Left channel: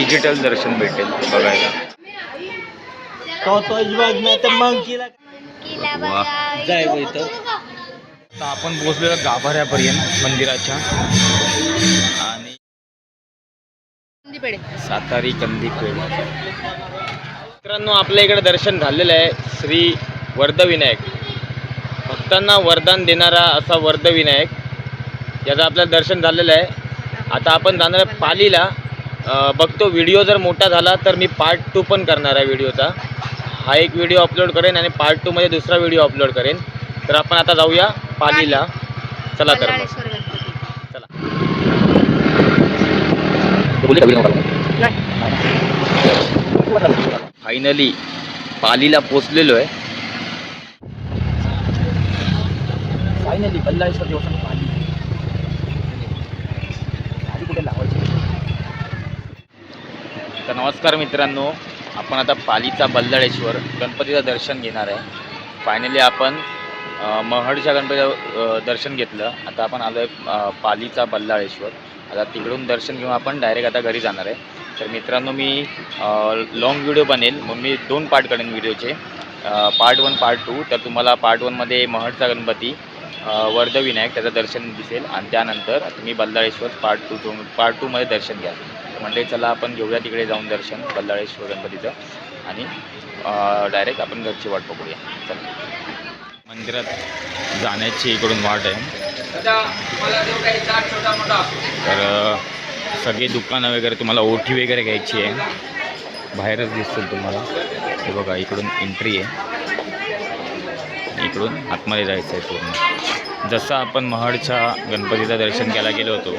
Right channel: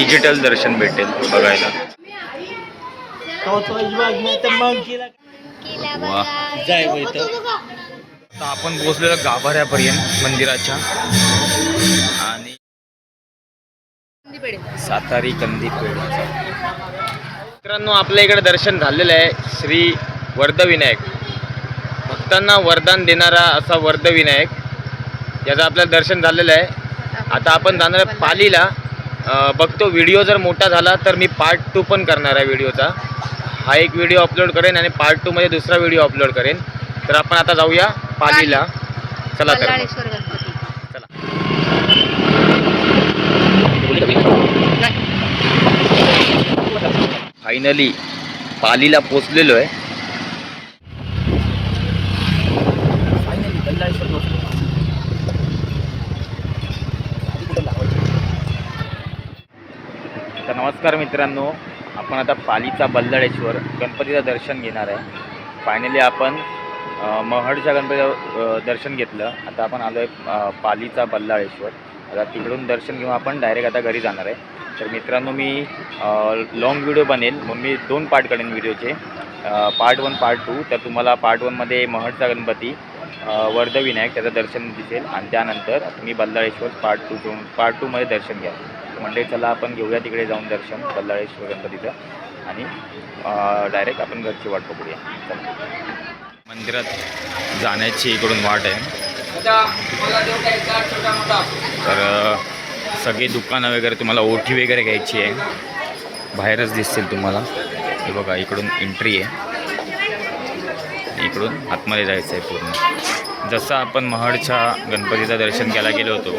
Digital दर्शन भेटेल बघायला. वा, आता आपण पोहोचलेलो गाभाऱ्यापर्यंत मंदिराच्या. आणि सातारी कंदीपेढ. मित्रांनो, आपल्या इकडे दर्शन झालेलं आहे. श्री वर्धविनायक, भक्तांना वरदान देणारा असा वर्धविनायक, याचं आपल्याला दर्शन झालेलं आहे. आता आपण जाणार आहे पालीला. बघतो, व्हिडिओ जर मोठा झाला तर मी पार्ट 2 पण करणार आहे व्हिडिओचा. हा एक व्हिडिओ अपलोड करेन आणि पार्ट 2 मध्ये दुसरा व्हिडिओ अपलोड करेन. तर आपण आता जाऊया पालीला. चला तर चला. फायनली पालीला पोचलेलो आहे. तर नमस्कार मित्रांनो, आपण आता पालीचा बल्लाळेश्वर गणपतीचं दर्शन घेणार आहे. फायनली आपण महडच्या गणपतीचं दर्शन घेतलं. आता आपण आलो आहे पालीचा बल्लाळेश्वर. आता तिकडून दर्शन घेऊन आपण डायरेक्ट आता घरी जाणार आहे. तर मित्रांनो, मी लॉंग व्हिडिओ बनेल म्हणून मी 2 पार्ट करेन व्हिडिओचे, पार्ट 1 पार्ट 2. तर तुम्हाला पार्ट 1 मध्ये महडचा गणपती वर्धविनायक त्याचं दर्शन दिसेल आणि त्यानंतर तुम्ही बल्लाळेश्वर पार्ट 2 मध्ये दर्शन घ्या. तर म्हणजे चला आपण घेऊया तिकडे जाऊन दर्शन बल्लाळेश्वर गणपतीचं आणि डायरेक्ट आपण घरची वाट पकडूया. चला. मंदिरात जाण्याची इकडून वाट आहे. तर सगळी दुकानं वगैरे तुम्हाला ओठी वगैरे घ्यायची आहे, बाहेरच दिसतील तुम्हाला. हे बघा, इकडून एंट्री आहे, इकडून आतमध्ये जायचं आहे पूर्ण. जसं आपण महडच्या गणपतीचं दर्शन घ्यायला गेलो होतो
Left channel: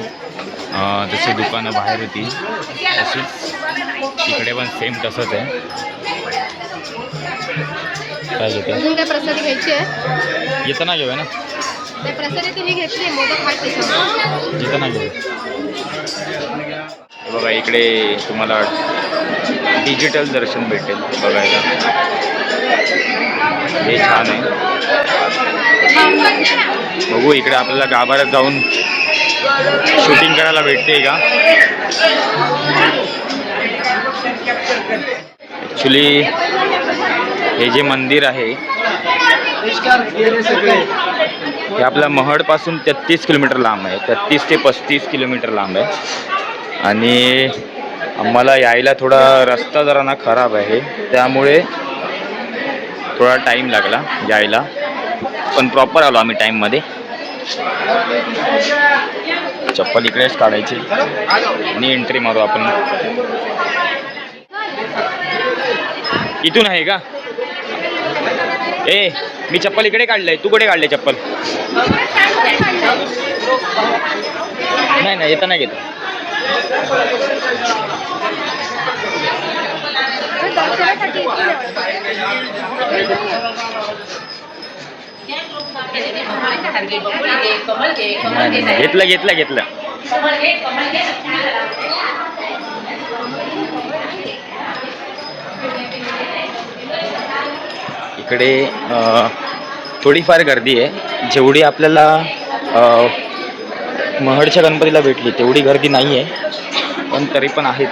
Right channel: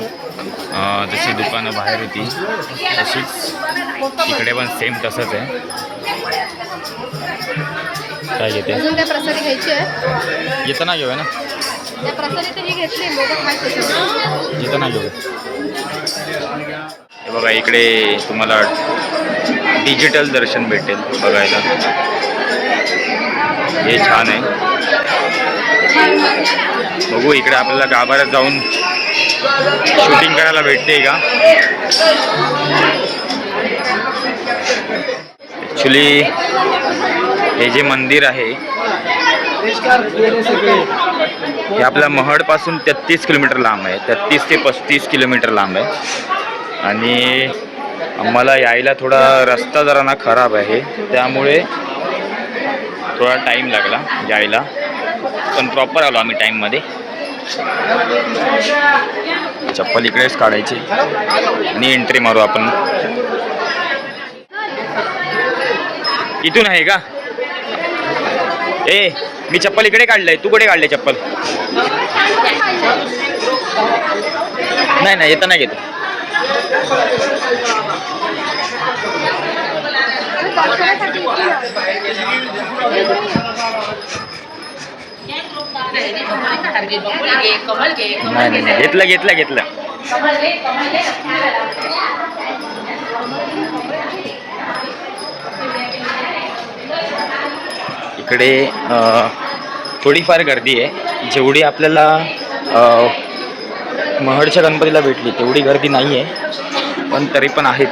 जशी दुकानं बाहेर होती तशीच इकडे पण सेम तसंच आहे. काय घेते? येताना घेऊया ना, येताना घेऊ. हे बघा, इकडे तुम्हाला डिजिटल दर्शन भेटेल बघायला. हे छान आहे. बघू, इकडे आपल्याला गाभाऱ्यात जाऊन शूटिंग करायला भेटते का. ॲक्च्युली हे जे मंदिर आहे हे आपल्या महडपासून 33 किलोमीटर लांब आहे. 33 ते 35 किलोमीटर लांब आहे. आणि आम्हाला यायला थोडा रस्ता जरा ना खराब आहे, त्यामुळे थोडा टाईम लागला यायला, पण प्रॉपर आलो आम्ही टाईममध्ये. चप्पल इकडेच काढायची आणि एंट्री मारू आपण. इथून आहे का? मी चप्पल इकडे काढलंय, तू कुठे काढले चप्पल? नाही येताना घेतो. नाही घेतलं. इकडे थोडीफार गर्दी आहे. जेवढी आपल्याला महडच्या गणपतीला भेटली तेवढी गर्दी नाही आहे, पण तरी पण आहेच.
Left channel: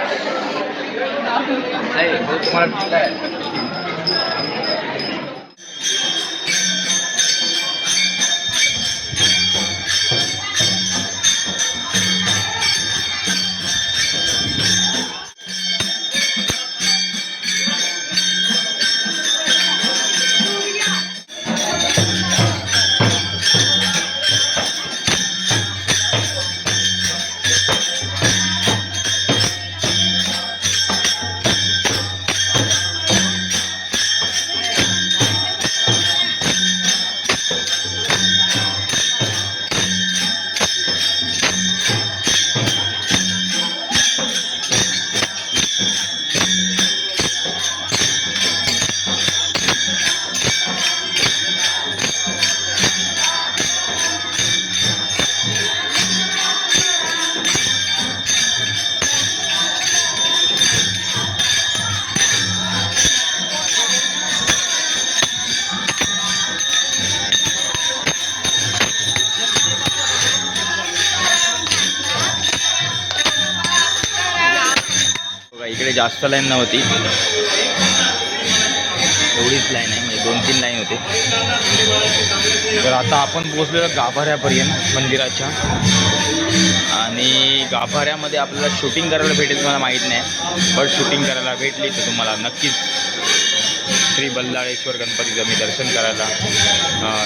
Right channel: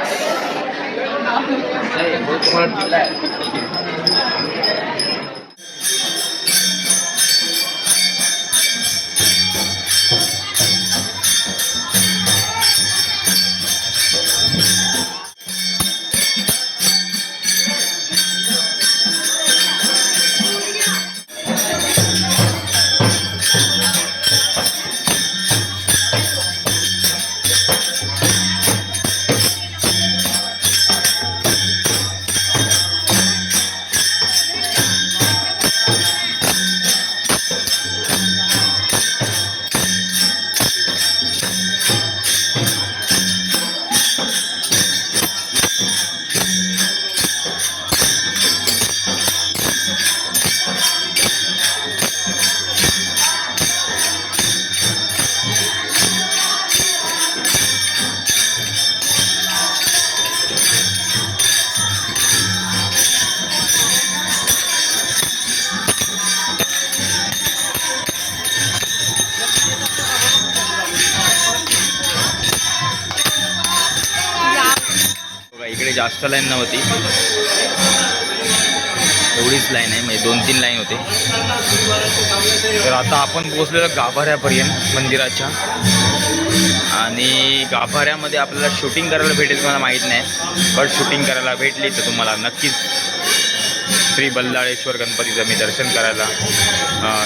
इकडे जास्त लाईन नव्हती, एवढीच लाईन आहे, म्हणजे 2-3 लाईन होते. तर आता आपण पोहोचलेलो गाभाऱ्यापर्यंत मंदिराच्या, आणि गाभाऱ्यामध्ये आपल्याला शूटिंग करायला भेटेल मला माहीत नाही, पण शूटिंग करायला भेटली तर तुम्हाला नक्कीच श्री बल्लाळेश्वर गणपतीचं मी दर्शन करायला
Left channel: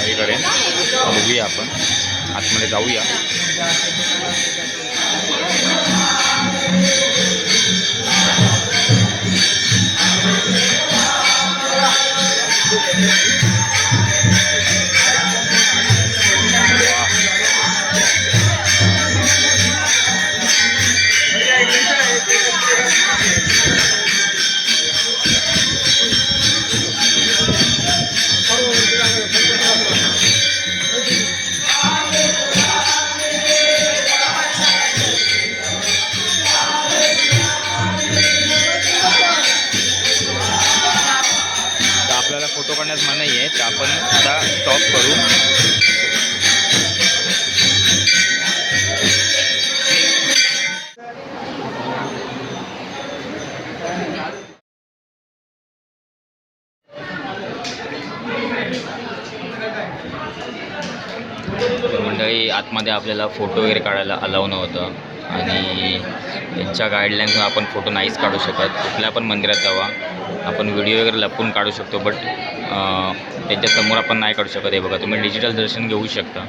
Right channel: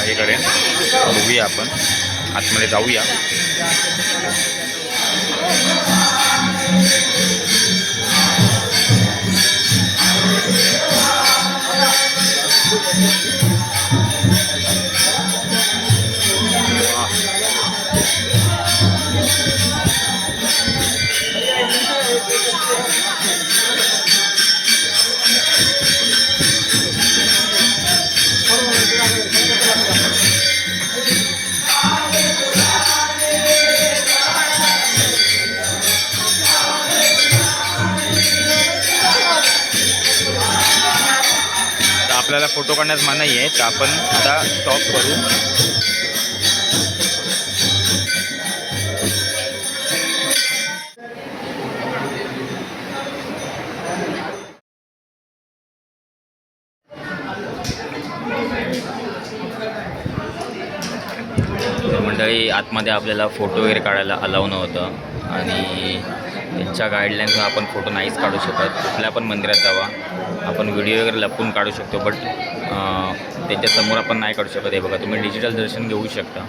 हे करेन. बघूया आपण आतमध्ये जाऊया. आपल्याला फोटो काढण्यास मनाई आहे, तर आपण आता स्टॉप करू. तर मंडळी, आतमध्ये आपल्याला फोटो वगैरे काढायला अलाव नव्हतं, आणि त्यांच्या गाईडलाईन्सवर आपण फोटो नाहीच काढू शकत. कुठल्या पण मंदिरात जावा, आपण व्हिडिओ वगैरे लपवून काढू शकतो, बट त्यांच्यासमोर आपण नाही काढू शकत. हे बघा, तुम्ही डिजिटल दर्शन घेऊ शकता,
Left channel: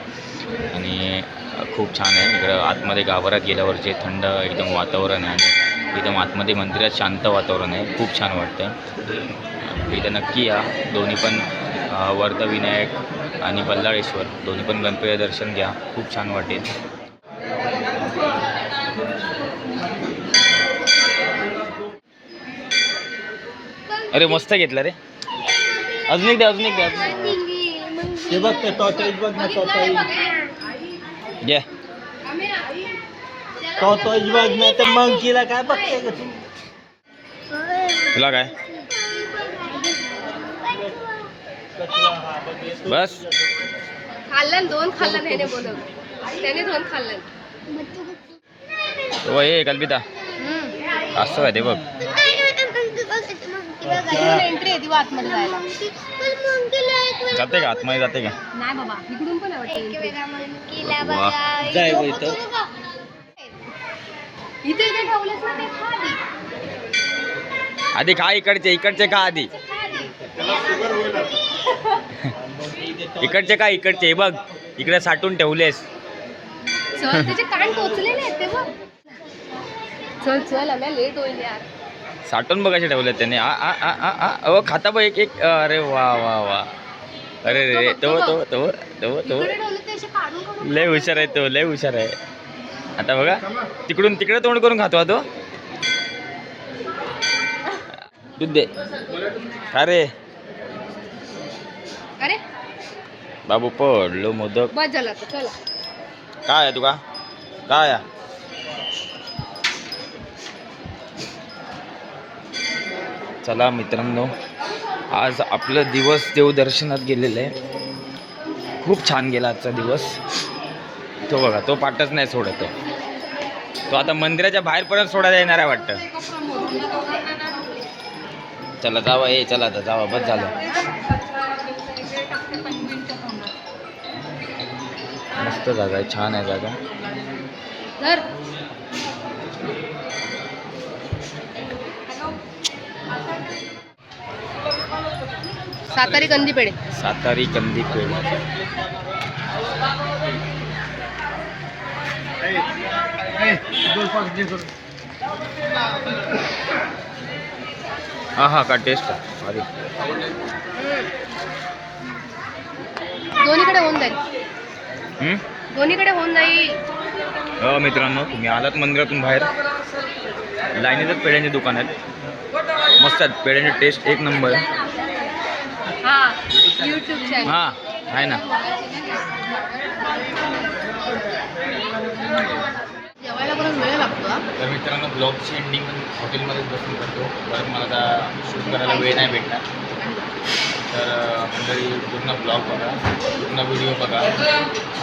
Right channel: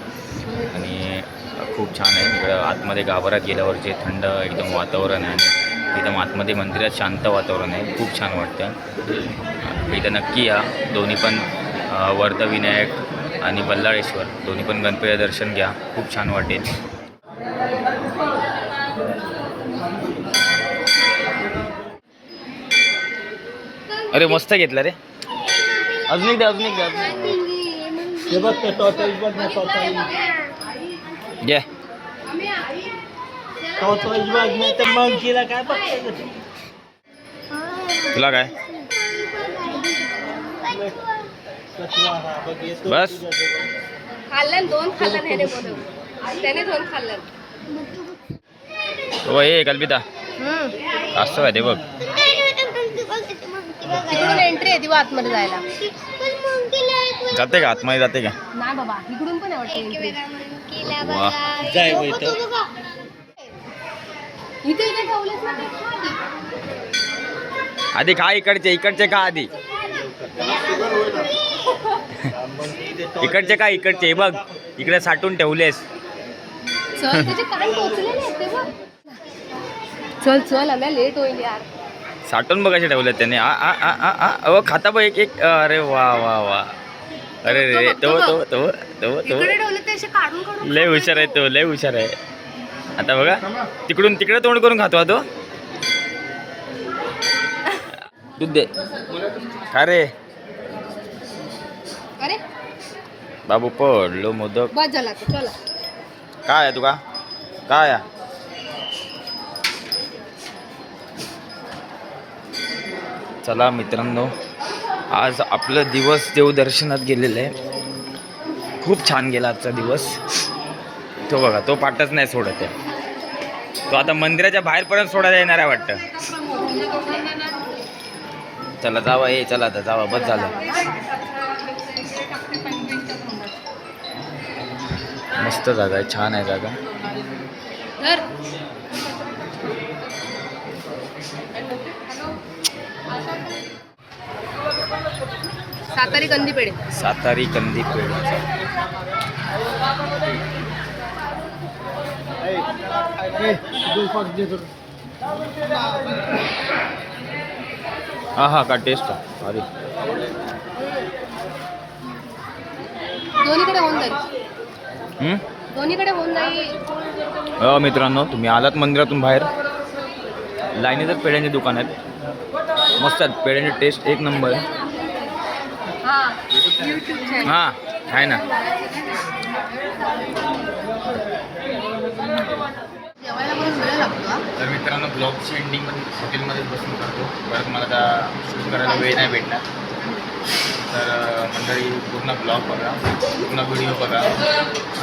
आणि खूप छान आहे. इकडं आतमध्ये गाभाऱ्यात गेल्यावर जे थंड एकदम वातावरण आहे, आणि एकदम आतमध्ये मंदिरात शांत वातावरण आहे, खूप छान वाटतं. इथं नक्की या. दोन्ही पण वर्धविनायक आणि बल्लाळेश्वर दोन्ही पण गणपती दर्शन घ्या, खूप छान वाटेल. अरे मस्त घेतला रे, अजून एक द्या, अजून एक द्या. हे बघ ते टॉर्टॉइस बघ ना, टॉर्टॉइस घ्या. टॉर्टॉइस बघ ना, तर मंकीला काय बघते का तू? तुला काय बस खाल्लं, 2 खाल्लं त्याने बोलव, त्याने 2 खाल्लं. तो हे कल्पिता असं काय ते बघ. तिकडून एंट्री आहे ती आतमध्ये जायला. जाते का आतमध्ये, जाते का? नाही बाबा, इकडून पण आहे एंट्री. वा, जाय गं इथं. इथे ठेवलंच ना ते, खा आधी. आधी खा, इकडचे खा आधी. इकडचे का, इकडचे बघ, इकडे साठवून ठेवलेस. चल, तुझे कान टोचलेले आहेत ते बघ. चल चल, आम्ही लेट होईल यार. साठवून बघ कसे ठेवलेत त्याने. अहो खाता बघ एक एक. अरे वा वा वा, अरे रे, तो तो तो तो तो इकडे ठेवले ते असे काढून काढून. लय हुशार आहे तो, लय हुशार आहे. आता बघा, तिकडून तिकडे तोंड करून खातो तो. दूध दे. काय रे अरे बाबू, पडलो मोदक. बस झाला आता, चला. काय आहे तुका, काय आहे? चला मित्रांनो, आज आपलं दिवस देवदर्शनात गेलेलं आहे. खूप छान गेला आजचा दिवस. तो बघा, तो पाठच नाही सोडत आहे. तो आता मंदिराच्या बाहेरपर्यंत सोडायला येणार आहे वाटतं. चला जावा, हे चला आता जावा, बस झालं. मस्त जागा आहे, छान आहे जागा. धर. सातारी कंदी पेढे. सातारी कंदी पेढे. हा हा, का टेस्ट आहे. अरे दोन्हीकडे होऊन जाईल, दोन्हीकडे होऊन जाईल. मित्रांनो, तुम्ही आलात मंदिरातून बाहेर, लाईनीतच पेढ्यांचे दुकान आहेत. मस्त आहेत पेढ्यांची, टेस्ट एक नंबर आहे. YouTube channel. हां आहे ना. जेवायला पण वेळ लागतो. तर मित्रांनो, ब्लॉगची एंडिंग पण हॉटेलमध्येच बसून करतो, परत मला आता शूट करायला वेळ नाही भेटणार. तर मंडळी, पूर्ण ब्लॉग बघा, पूर्ण व्हिडिओ बघा,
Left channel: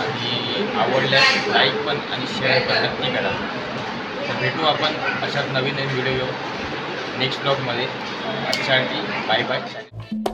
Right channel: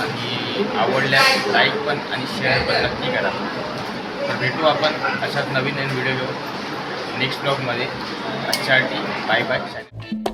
आणि आवडल्यास लाईक पण आणि शेअर पण नक्की करा. तर भेटू आपण अशाच नवीन नवीन व्हिडिओ घेऊन. नेक्स्ट ब्लॉगमध्ये. आजच्यासाठी बाय बाय.